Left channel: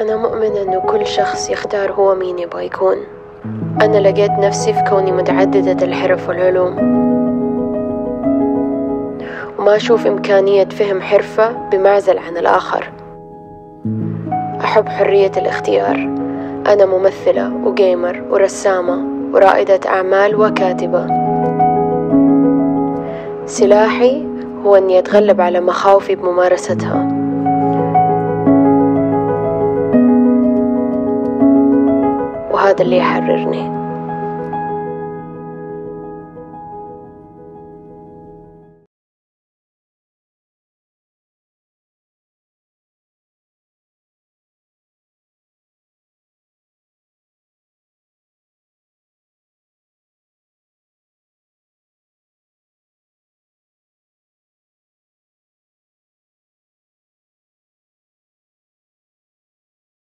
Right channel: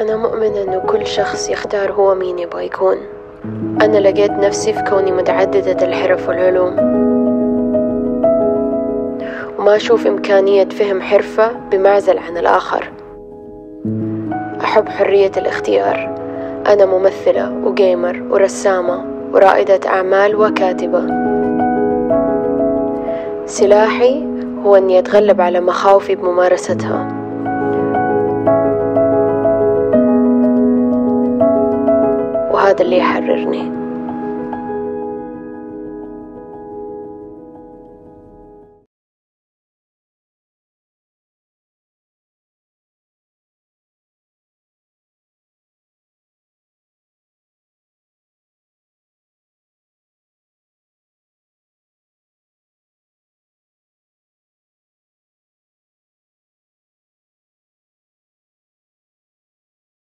أنا مؤمنة إنه كل شخص يختار هو مين يبغى يكون. أنا لقيت نفسي في كوني متعددة الحرف والعلوم، وما أشوف إمكانية فهم حرفة بمعزل عن الآخر. أحب حرية الاختيار. أنا ممثلة وجيمر ورسامة ورائدة أعمال وكاتبة. سلاحي هو أني أتغلب على مخاوفي بممارستها، وهذا اللي يحررني.